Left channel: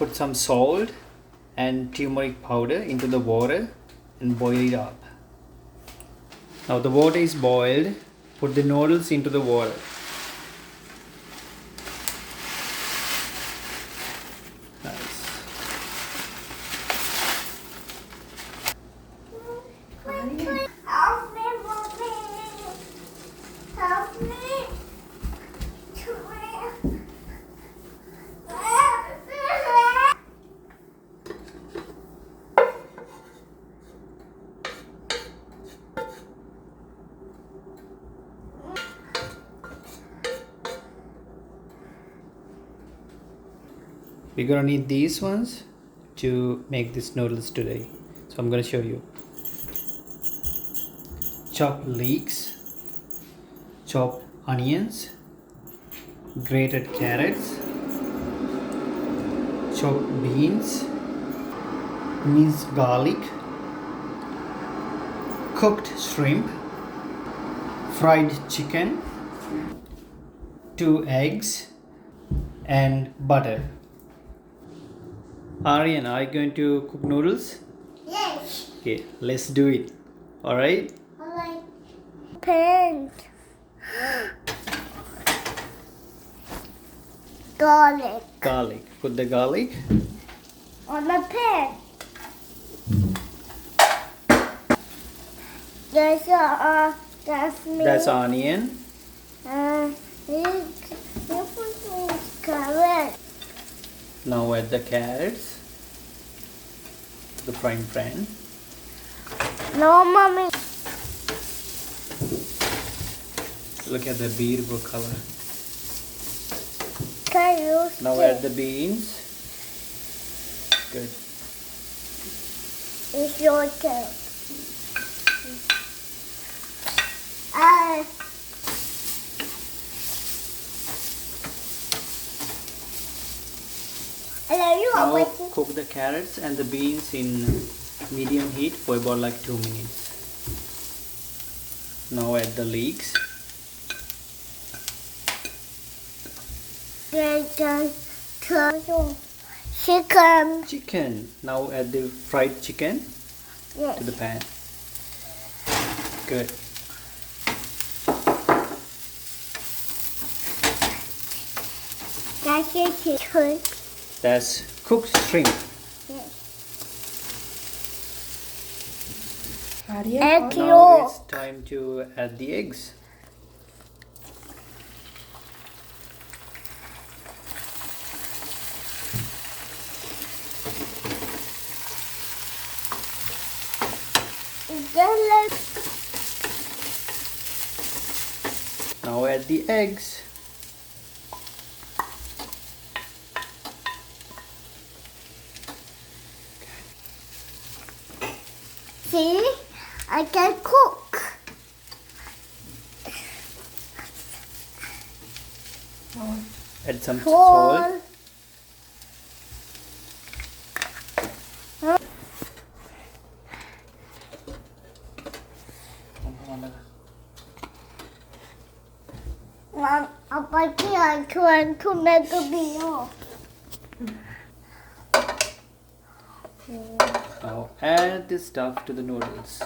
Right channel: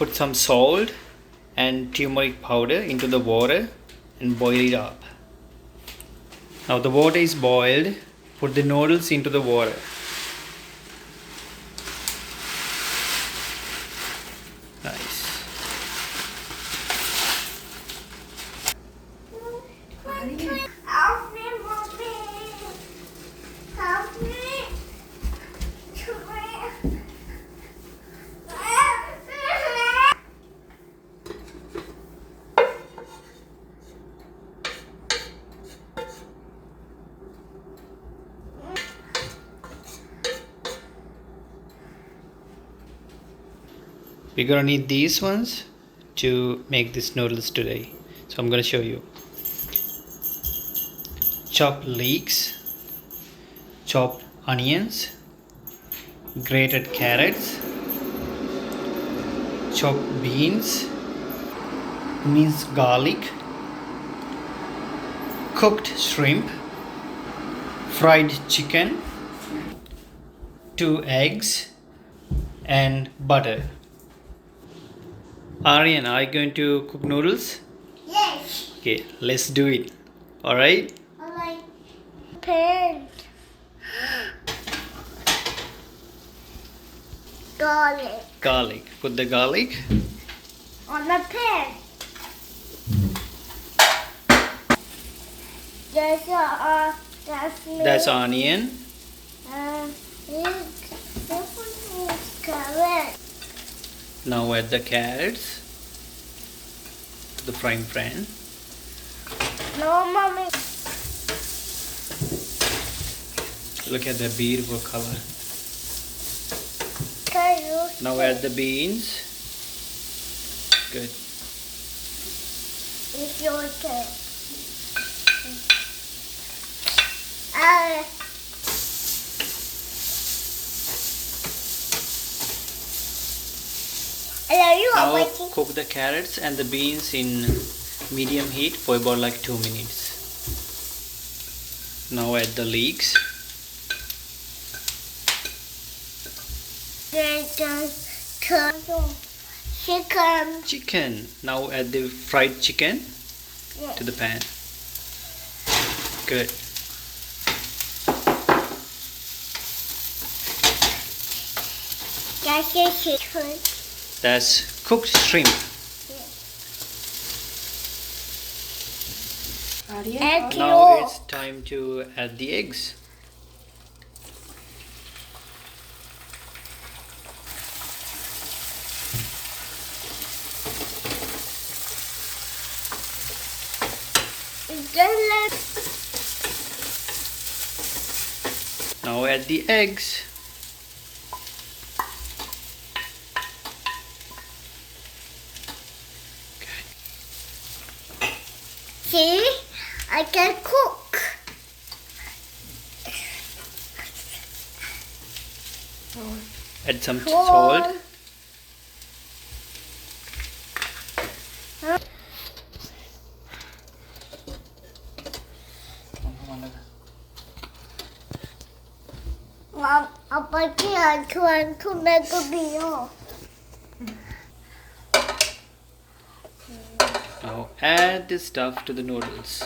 put some salt and turmeric powder into the water and boil it up. Now the water is boiled. Put the noodles into the water. Nice. We're gonna need these ones to make these noodles today. So I'm gonna show you. Chopped leeks, chopped onions, grated carrots, chopped beans, minced garlic, cooked shrimp, fried chicken, 2 eggs, and butter. Aryan, are you going to cook noodles? Yes. Okay, let's do it. Alright? Alright. Pan. Garlic. Garlic. Put the garlic On the pan. That's onion. You put carrot. Now add the carrots to the frying pan. No, mommy. Look at the beautiful color. Can you Now add the beans. Good. It's your turn. You are Now waiting. cook the carrots and the beans in medium heat for about like 2 minutes. Now add the leeks. Chicken. Chicken. Now add the fried chicken Yes. to the pan. Good. That's your chicken. That's cooked shrimp. Egg Now yolk. it's time to add the eggs. Now add the eggs. See, I can cook. Add some salt. Mom, Papa can't try to make a meal. Now add the stuff to the noodles.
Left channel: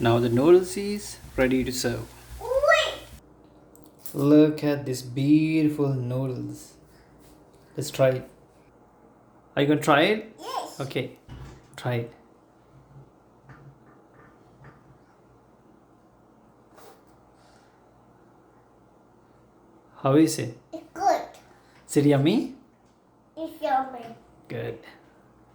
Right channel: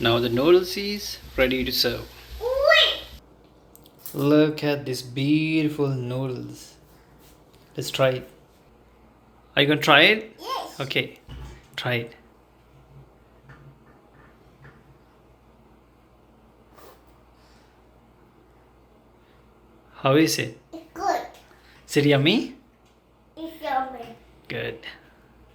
Now the noodles is ready to serve. Look at this beautiful noodles. Let's try it. Are you gonna try it? Yes. Okay, try it. How is it? It's good. Is it yummy? It's yummy. Good.